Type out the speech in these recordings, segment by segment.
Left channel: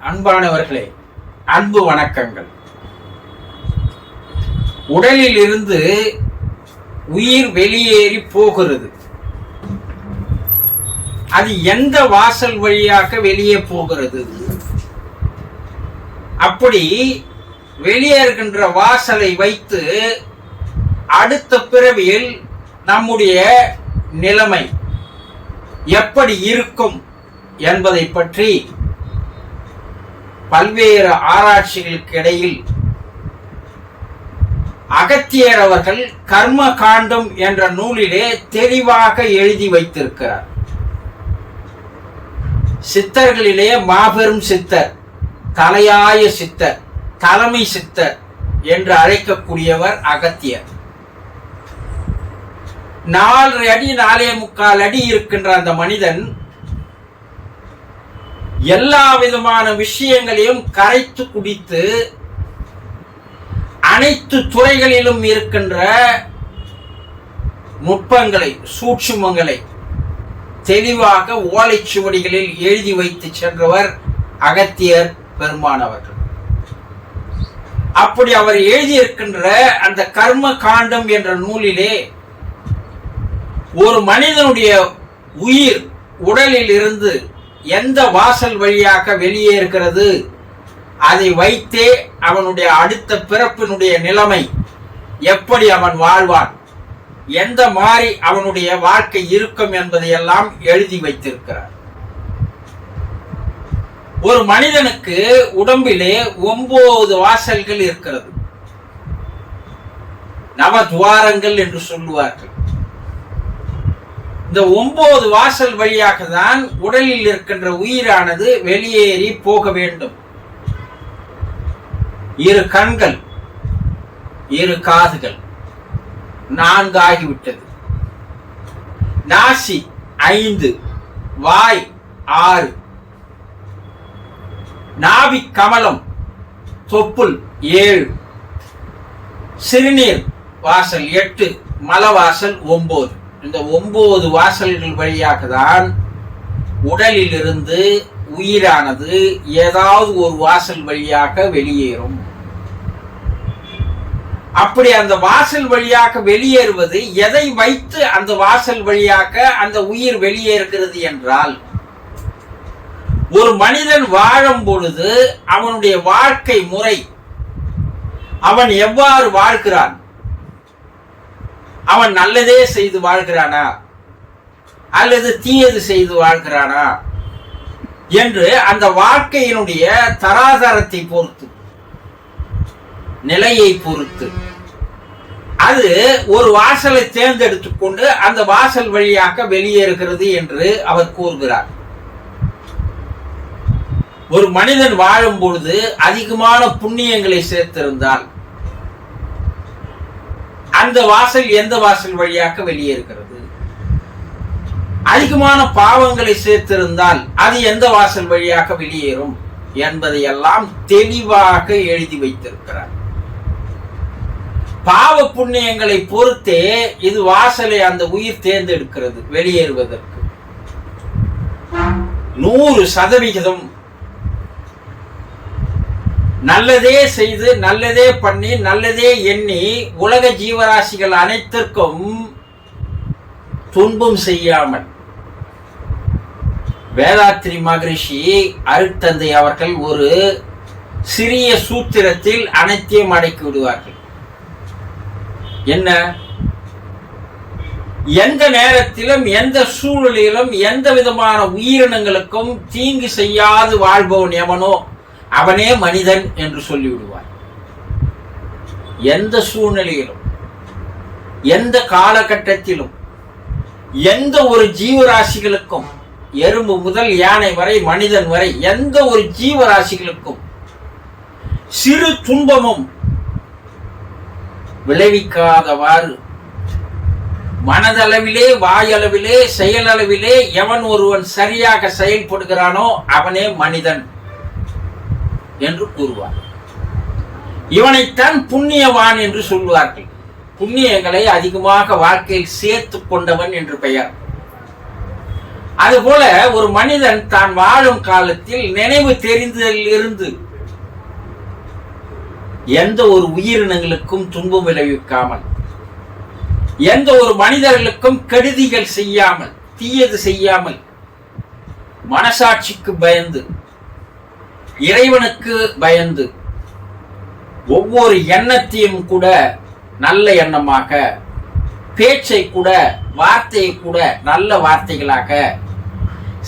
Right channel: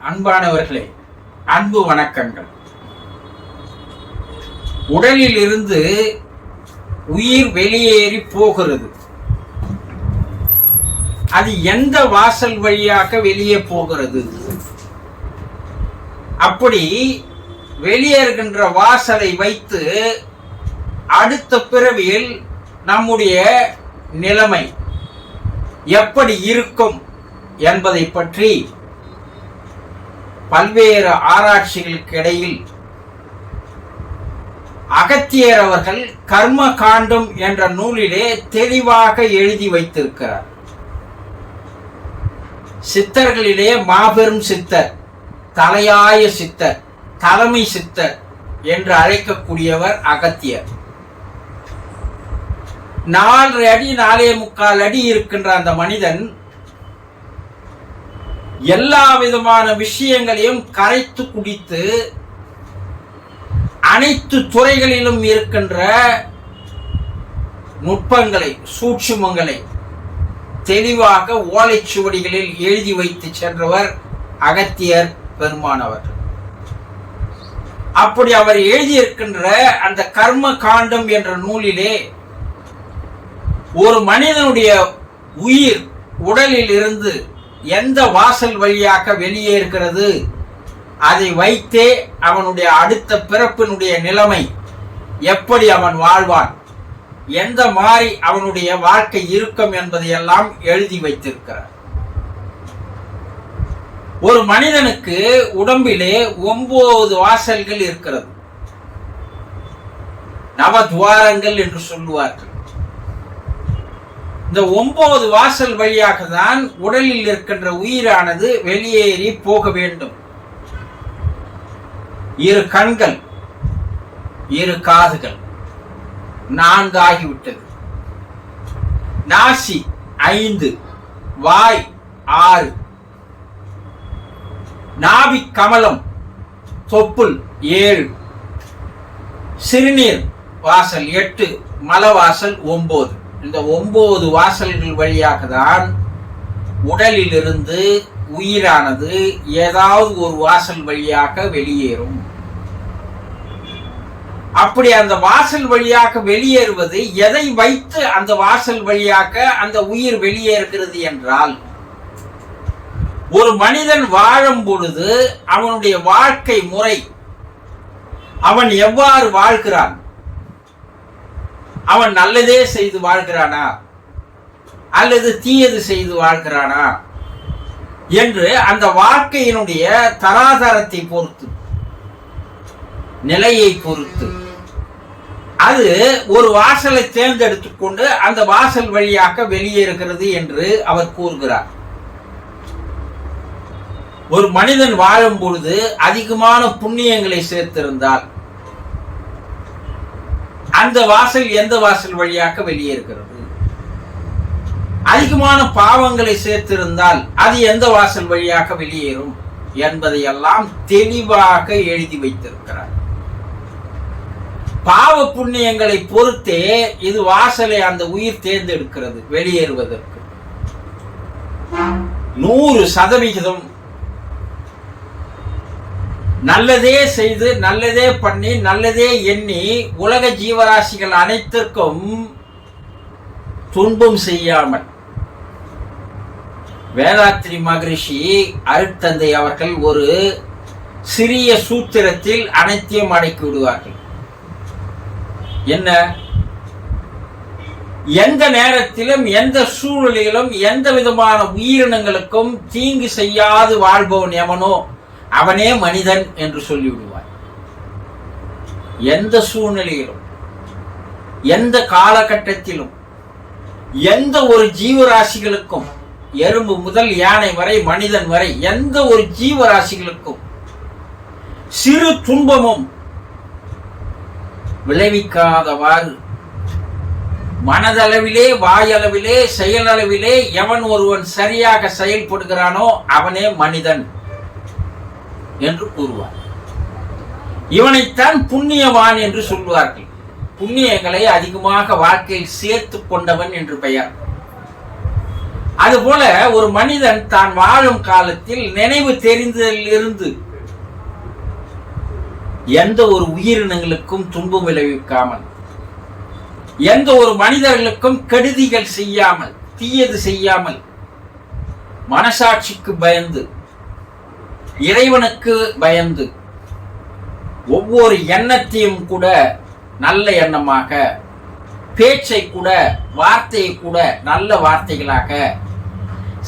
அன்பானவர்களே, அன்பு வணக்கங்கள். உடலில் இருந்து உயிர் வெளியேறி போகிறது. அது எந்த வாசல் வழியாக வெளியே போகிறது? அப்படி வெளியேறுகின்ற வாசலை வைத்து அடுத்த பிறவியில் நம்முடைய நிலைமை எப்படி இருக்கும் என்பதை பற்றி பல்வேறு ஆராய்ச்சிகளுக்கு இடையில் அகத்தியர் அவர்கள் கர்ம காண்டம் என்ற நூலிலே தெளிவாக எழுதி வைத்திருக்கிறார். சித்தர்களிலே மாபெரும் சித்தர், தலையாய சித்தர், தலைமை சித்தர் என்று அழைக்கக்கூடியவர் அகத்தியர். 4 அடி 4.25 அடி இருக்கின்ற அந்த மனிதன் எல்லா விதமான விஷயங்களையும் கரைத்து குடித்து அனைத்து துறைகளிலும் இருக்கின்ற நுட்பங்களை, சூட்சுமங்களை தெளிவாக ஓலைச்சுவடிகளில் எழுதி வைத்து சென்றவர் அகத்தியர் பெருமானவர்கள். அப்படி அவர் எழுதியிருக்கின்ற அந்த கர்ம காண்டம் என்ற நூலிலே ஒரு மனிதனுடைய உயிர் உடலில் இருந்து எந்த வாசல் வழியாக வெளியேறுகிறது, அதை வைத்தே அவனுடைய அடுத்த பிறப்பினுடைய நிலைமை எப்படி அவன் வாழ்வான், எந்த மாதிரி அவனுடைய வாழ்க்கை இருக்கும் என்பதையெல்லாம் எழுதி வைத்திருக்கிறார். ஒரு மனிதனுக்கு உடம்பிலே 9 வாசல்கள் இருக்கிறது. நவதுவாரங்கள் என்று சொல்லுவார்கள். இந்த 9 வாசல் வழியாக தான் உடலில் இருக்கின்ற உயிரானது வெளியேறி போக வேண்டும். 2 கண்கள், 2 காதுகள், 4 ஆகிவிட்டது. நாசி 5, வாய் 6, நாவி கமலம், தொப்புள் 7, சிறுநீர் வாசல் 8, மலவாசல் 9. இந்த 9 வாசல்கள் வழியாக தான் உடலில் இருந்து உயிரானது ஏதாவது ஒரு வாசல் வழியாக வெளியேறும். அப்படி அந்த வாசல் வழியாக வெளியேறுவது எதை வைத்து அந்த வாசல் வழியாக அந்த உயிர் வெளியேறுகிறது என்றால், ஒரு மனிதன் வாழும் பொழுது அவனுடைய வாழ்க்கை முறை, அவன் எவ்வாறு வாழ்கிறான், அவன் நல்லதே செய்து வாழ்கிறானா அல்லது தீயது செய்து வாழ்கிறானா என்று அந்த வாழ்க்கையினுடைய தராதரத்தை பொறுத்து, நிலையை பொறுத்து அது ஒரு வாசலை தேர்ந்தெடுத்துக் கொண்டு அந்த வாசல் வழியாக வெளியேறுகிறது என்று அவர் கூறுகிறார். ஒரு மனிதன் வாழும் பொழுது அதிகமான புண்ணியங்களை சேர்த்திருந்தால் அந்த வாசல் எந்த வாசல் வழியாக வெளியேறுகிறது, அதிகமான பாவங்களை சேர்த்திருந்தால் அது எந்த வாசல் வழியாக வெளியேறும் என்பதையெல்லாம் தெளிவாக எழுதி வைத்திருக்கிறார். பாவ புண்ணியங்களை பொறுத்தே இது வாசலை அந்த உயிர் தேர்ந்தெடுக்கிறது வெளியேறுவதற்கு. 100% நல்லதே செய்து, நல்லதே பண்ணி, நல்லதே எண்ணி உலக ஜீவராசிகள் அனைத்திற்கும் துன்பம் செய்யாமல், வேதாத்ரி மகரிஷி அருட்தந்தை அவர்கள் ஒரு சிறிய சூத்திரத்தில் அனைத்தையும் அடக்கி விடுவார்கள். என்ன? எந்த நேரத்திலும் எந்த சூழலிலும் எந்த விதமான உயிரினங்களுக்கும் தீங்கு செய்யாது வாழ்பவன் எவனோ அவனே மனிதன் என்று சொல்லிவிடுவார். எந்த சூழ்நிலையிலும், எந்த காலகட்டத்திலும், எந்த ஒரு ஜீவராசிகளுக்கும், எறும்பு முதல் யானை வரை, மனிதன் வரை, எந்த ஒரு ஜீவராசிகளுக்கும் சிறு துன்பமும் விளைவிக்காதவாறு மனதளவிலே, வாயளவிலே, செயலளவிலே எவன் ஒருவன் சரியாக செயல்படுகிறானோ அவனே மனிதன் என்று கூறுவார். இவனைத்தான் புண்ணியவான் என்று சொல்வார்கள். புண்ணியங்களை அதிகமாக வாழ்க்கையில் சேர்த்து கொண்டவன் என்று பெயர். அதுபோல ஒரு மனிதன் தான் வாழும் காலத்தில் நினைவு தெரிந்ததில் இருந்து எந்த ஒரு உயிரினங்களுக்கும் துன்பம் விளைவிக்காமல், எந்த ஒரு மனிதர்களுக்கும் கெடுதிகள் செய்யாமல், தீயது செய்யாமல், மனசாட்சிக்கு பயந்து, இறைவனுக்கு பயந்து, ஒவ்வொரு எண்ணத்தையும் கூட நல்ல எண்ணமாக, பேச்சை கூட, வார்த்தையை கூட நல்ல வார்த்தைகளாக,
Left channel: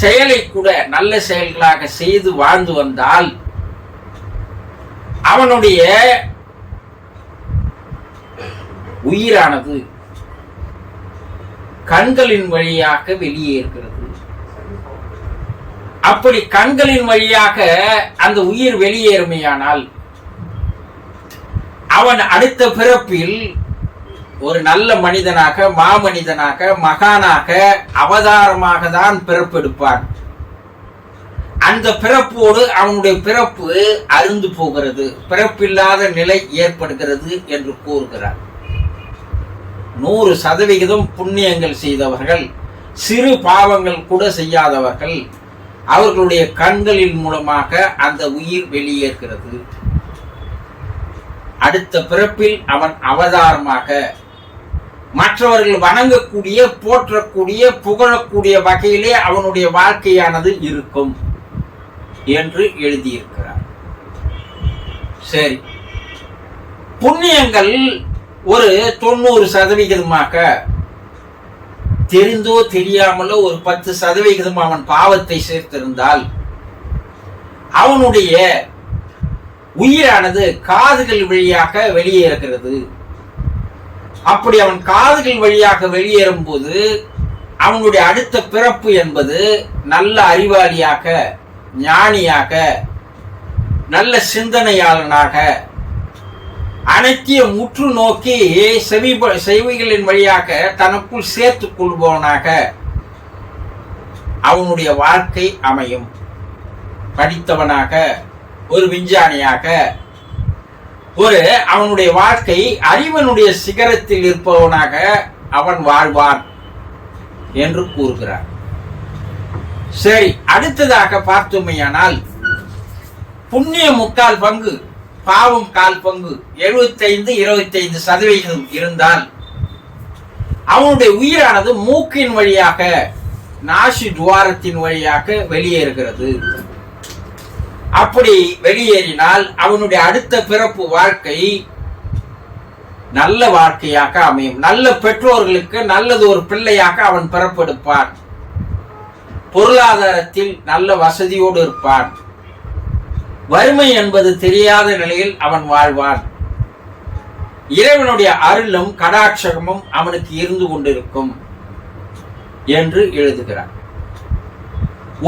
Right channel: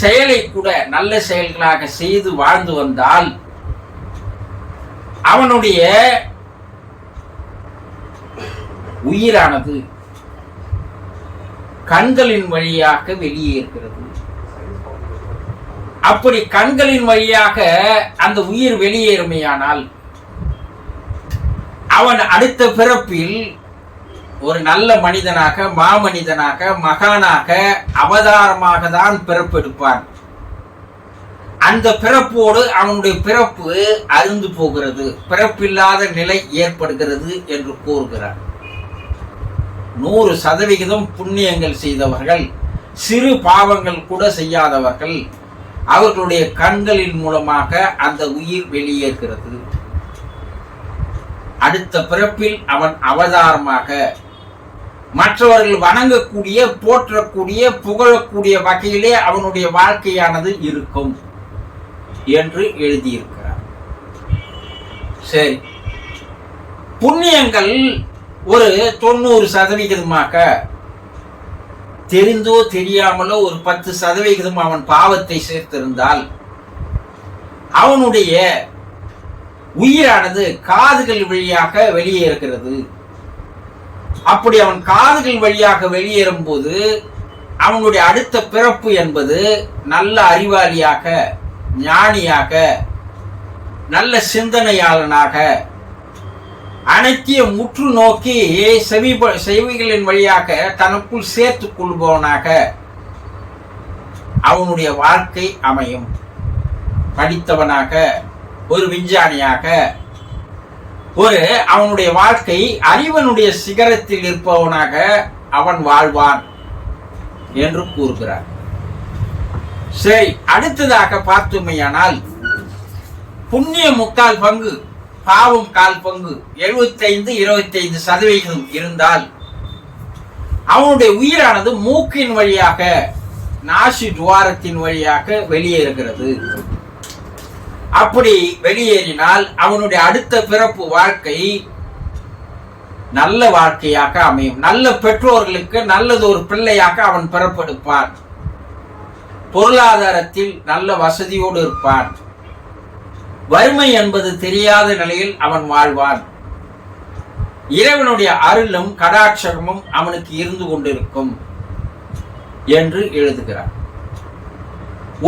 செயலை கூட நல்ல செயல்களாக செய்து வாழ்ந்து வந்தால் அவனுடைய உயிரானது கண்களின் வழியாக வெளியேறுகிறது. அப்படி கண்களின் வழியாக அந்த உயிர் வெளியேறுமையானால் அவன் அடுத்த பிறப்பில் ஒரு நல்ல மனிதனாக, மாமனிதனாக, மகானாக, அவதாரமாக தான் பிறப்பெடுப்பான். அந்த பிறப்போடு அவனுடைய பிறப்பு அருந்து போகிறது, பிறப்பில்லாத நிலை ஏற்படுகிறது என்று கூறுகிறார். 100% புண்ணியங்கள் செய்தவர்கள், சிறு பாவங்கள் கூட செய்யாதவர்கள், அவர்களுடைய கண்களின் மூலமாக அந்த உயிர் வெளியேறுகிறது. அடுத்த பிறப்பில் அவன் அவதாரமாக மற்றவர்கள் வணங்கக்கூடிய, போற்றக்கூடிய, புகழக்கூடிய வகையிலே அவனுடைய வாழ்க்கையானது இருக்கும் என்று எழுதியிருக்கிறார். சரி, புண்ணியங்கள் ஒரு 90% தெரிந்தோ தெரியாமலோ ஒரு 10% அவன் பாவத்தை சேர்த்திருந்தால் அவனுடைய உயிரானது காதுகள் வழியாக வெளியேறுகிறது. அப்படி அவன் காதுகள் வழியாக வெளியேறும் போது அவனுடைய அடுத்த பிறப்பு என்பது நல்ல அறிவாளியாக, ஞானியாக, நல்ல சிந்தனையாளனாக, அனைத்தையும் முற்று நோக்கி செவிகளின் வழியாக தனக்குள் சேர்த்துக் கொள்பவனாக அவனுடைய வாழ்க்கை அமையும். படித்தவனாக, ஒரு விஞ்ஞானியாக, ஒரு அவனுடைய வாழ்க்கை அறிவனுடைய சிகரத்தில் இருப்பவனாக அவன் வாழ்வான் என்று கூறுகிறார். சரி, அடுத்ததாக பார்த்தோமையானால் புண்ணியம் 3/4 பங்கு, பாவம் 1/4 பங்கு, 75-25% இருந்தால் அவனுடைய உயிரானது மூக்கின் வழியாக, நாசி துவாரத்தின் வழியாக வெளியேறுகிறது. அப்படி வெளியேறினால் அவனுடைய அடுத்த பிறப்பு வாழ்க்கை நல்ல வாழ்க்கையாக அமையும். நல்ல பெற்றோர்களுக்கு நல்லது ஒரு பிள்ளையாக அவன் பிறப்பெடுப்பான். பொருளாதாரத்தில் நல்ல வசதியோடு இருப்பான். வறுமை என்பது தெரியாத நிலையில் அவன் வாழ்வான். இறைவனுடைய அருளும் கடாட்சகமும் அவனுக்கு இருந்து கொண்டிருக்கும் என்று எழுதுகிறார்.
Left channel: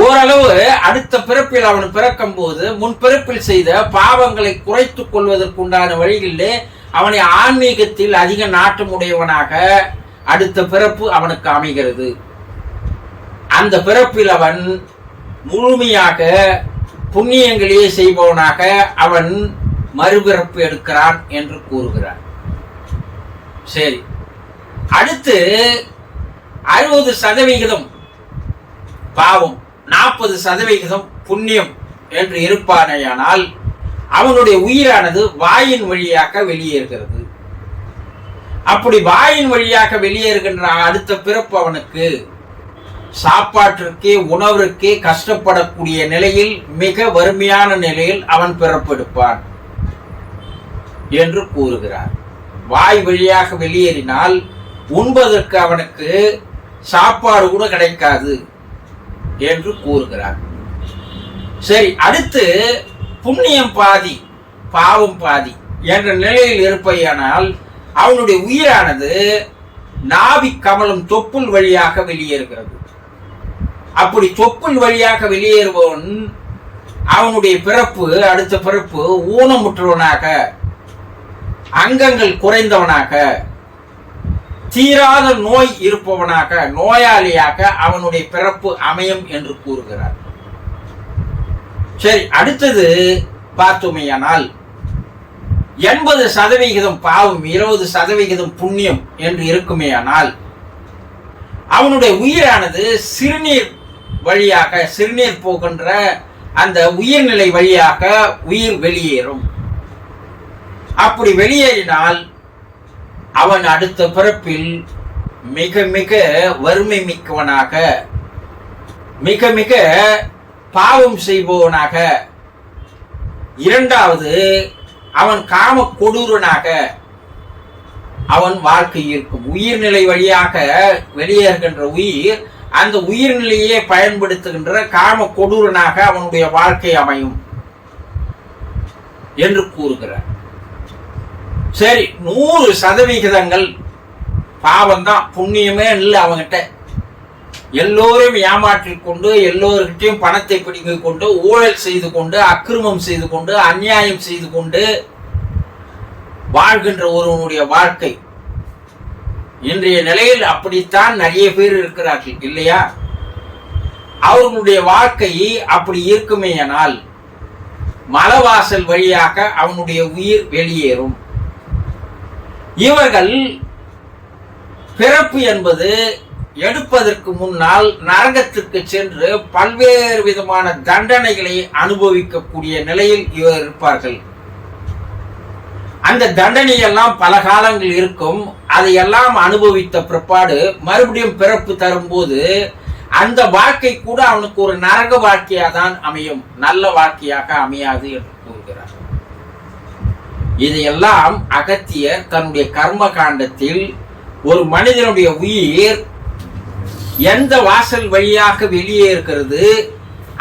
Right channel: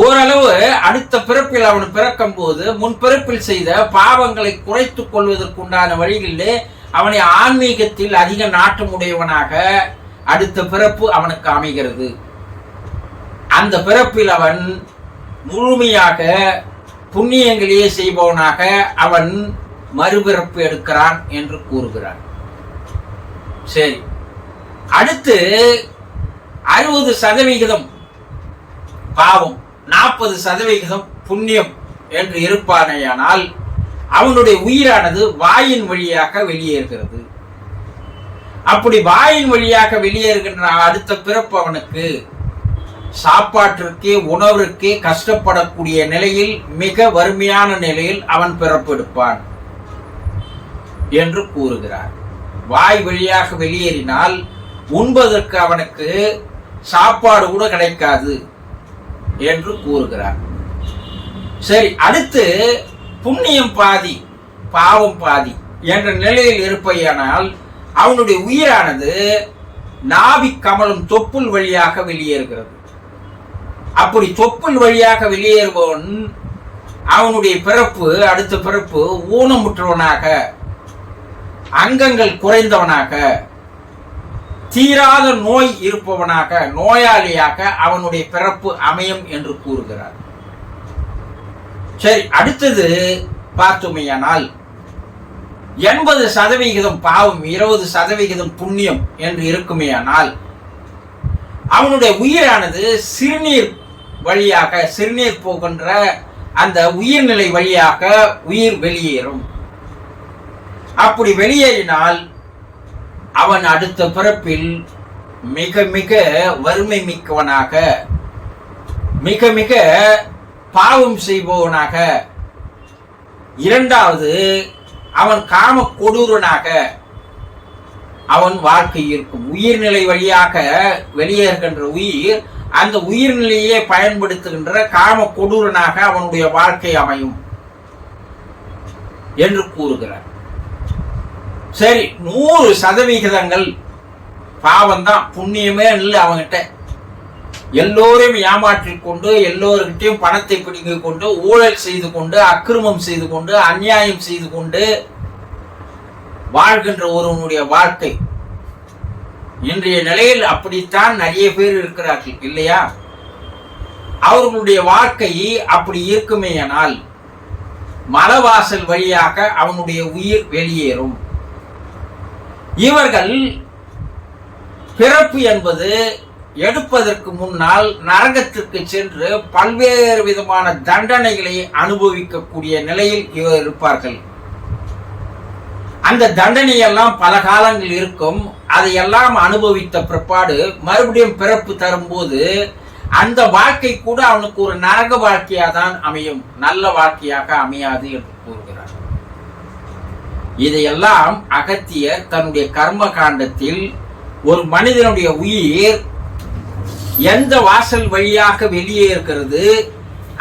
ஓரளவு அடுத்த பிறப்பில் அவன் பிறக்கும் போது முன்பிறப்பில் செய்த பாவங்களை குறைத்துக் கொள்வதற்குண்டான வழிகளிலே அவனை ஆன்மீகத்தில் அதிக நாட்டம் உடையவனாக அடுத்த பிறப்பு அவனுக்கு அமைகிறது. அந்த பிறப்பில் அவன் முழுமையாக புண்ணியங்களையே செய்பவனாக அவன் மறுபிறப்பு எடுக்கிறான் என்று கூறுகிறார். சரி, அடுத்து 60% பாவம், 40% புண்ணியம் என்று இருப்பானேயானால் அவனுடைய உயிரானது வாயின் வழியாக வெளியேறுகிறது. அப்படி வாயின் வழியாக வெளியேறுகின்ற அடுத்த பிறப்பு அவனுக்கு சாப்பாட்டிற்கே, உணவிற்கே கஷ்டப்படக்கூடிய நிலையில், மிக வறுமையான நிலையில் அவன் பிறப்பெடுப்பான் என்று கூறுகிறார். வாய் வழியாக வெளியேறினால் உண்பதற்கு அவனுக்கு சாப்பாடு கூட கிடைக்காது என்று கூறுகிறார். சரி, அடுத்து புண்ணியம் பாதி, பாவம் பாதி என்ற நிலையில் இருப்பையானால் அவனுடைய உயிரானது நாவி கமலம், தொப்புள் வழியாக வெளியேறுகிறது. அப்படி தொப்புள் வழியாக வெளியேறுபவன் அவனுடைய பிறப்பு, அடுத்த பிறப்பு ஊனமுற்றவனாக, அங்கங்கள் குறைந்தவனாக, தீராத நோய் இருப்பவனாக, நோயாளியாக அவனுடைய பிறப்பு அமையும் என்று கூறுகிறார். சரி, அடுத்தது பார்த்தோமையானால் 80% பாவம், 20% புண்ணியம் என்று இருக்குமேயானால் அவனுடைய உயிரானது சிறுநீர் வழியாக, சிறுநீர் போகின்ற அந்த உயிர்நிலை வழியாக உயிர் வெளியேறும். அப்படி வெளியேறினால் அவன் அடுத்த பிறப்பில் மிக மிக வறுமை மிக்கவனாக, மிக மிக பாவம் செய்பவனாக, இரண்டாவது அவன் காம கொடூரனாக அவன் வாழ்க்கை இருக்கும். உயிர்நிலை வழியாக வெளியேறுகின்ற உயிர் அந்த உயிர்நிலையை பயன்படுத்துகின்ற காம கொடூரனாக அவனுடைய வாழ்க்கை அமையும் என்று கூறுகிறார். சரி, 100% பாவம்தான், புண்ணியமே இல்லை அவங்கிட்ட. எல்லோரையும் ஏமாற்றிக் கொண்டு, எல்லோருக்கிட்டையும் பணத்தை பிடிங்கிக் கொண்டு, ஊழல் செய்து கொண்டு, அக்கிரமம் செய்து கொண்டு, அநியாயம் செய்து கொண்டு வாழ்கின்ற ஒருவனுடைய வாழ்க்கை. இன்றைய நிலையில் அப்படித்தான் நிறைய பேர் இருக்கிறார்கள் இல்லையா? அவர்களுடைய வாழ்க்கை அப்படி இருக்குமேயானால் மலவாசல் வழியாக அவனுடைய உயிர் வெளியேறும். இவர்கள் பிறப்பு என்பது எடுப்பதற்கு முன்னால் நரகத்திற்கு சென்று பல்வேறு விதமான தண்டனைகளை அனுபவிக்கக்கூடிய நிலையில் இவர் இருப்பார்கள். அந்த தண்டனையெல்லாம் பல காலங்கள் இருக்கும். அதையெல்லாம் அனுபவித்த பிற்பாடு மறுபடியும் பிறப்பு தரும்போது அந்த வாழ்க்கை கூட அவனுக்கு ஒரு நரக வாழ்க்கையாக தான் அமையும், நல்ல வாழ்க்கையாக அமையாது என்று கூறுகிறார். இதையெல்லாம் அகத்தியர் தன்னுடைய கர்ம காண்டத்தில் ஒரு மனிதனுடைய உயிர் எந்த வாசல் வழியாக வெளியே இருக்கிறது,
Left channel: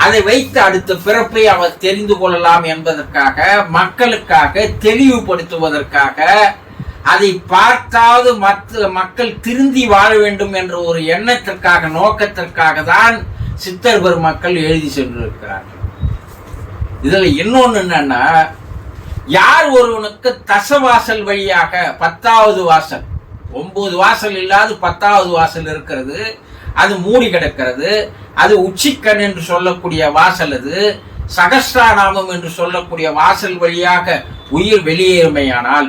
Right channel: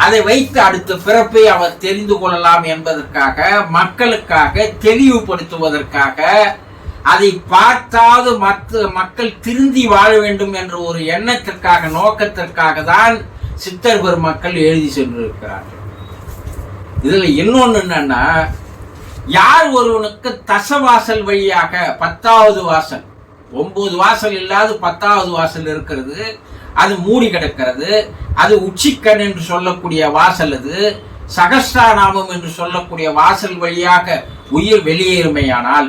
அதை வைத்து அடுத்த பிறப்பை அவர் தெரிந்து கொள்ளலாம் என்பதற்காக, மக்களுக்காக தெளிவுபடுத்துவதற்காக, அதை பார்த்தாவது மற்ற மக்கள் திருந்தி வாழ வேண்டும் என்ற ஒரு எண்ணத்திற்காக, நோக்கத்திற்காக தான் சித்தர் பெருமக்கள் எழுதி சென்றிருக்கிறார்கள். இதுல இன்னொன்னு என்னன்னா, யார் ஒருவனுக்கு தசவாசல் வழியாக 10வது வாசல், 9 வாசல் இல்லாத 10வது வாசல் இருக்கிறது, அது மூடி கிடக்கிறது, அது உச்சிக்கண் என்று சொல்லக்கூடிய வாசல், அது சகஸ்ராநாமம் என்று சொல்லக்கூடிய வாசல் வழியாக உயிர் வெளியேறுமையானால்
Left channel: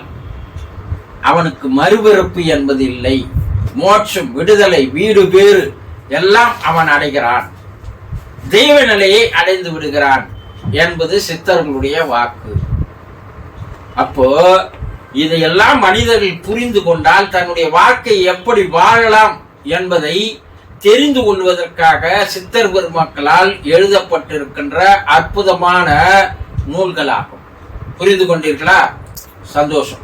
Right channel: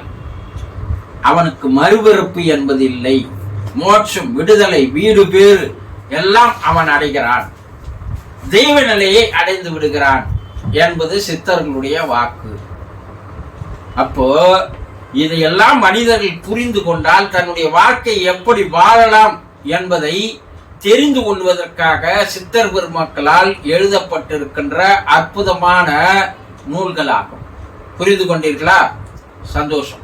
அவனுக்கு மறுபிறப்பு என்பது இல்லை. மோட்சம், விடுதலை, வீடு பேறு எல்லாம் அவன் அடைகிறான், தெய்வ நிலையை அடைந்து விடுகிறான் என்பது சித்தர்களுடைய வாக்கு. அப்போ இதையெல்லாம் மனிதர்கள் புரிந்து கொண்டால் தன்னுடைய வாழ்க்கை எப்படி வாழலாம் என்பதை தெரிந்து கொள்வதற்காக சித்தர் பெருமக்களால் எழுதப்பட்டிருக்கின்ற அற்புதமான நூல்களாகும். புரிந்து கொண்டீர்களா? சந்தோஷம்.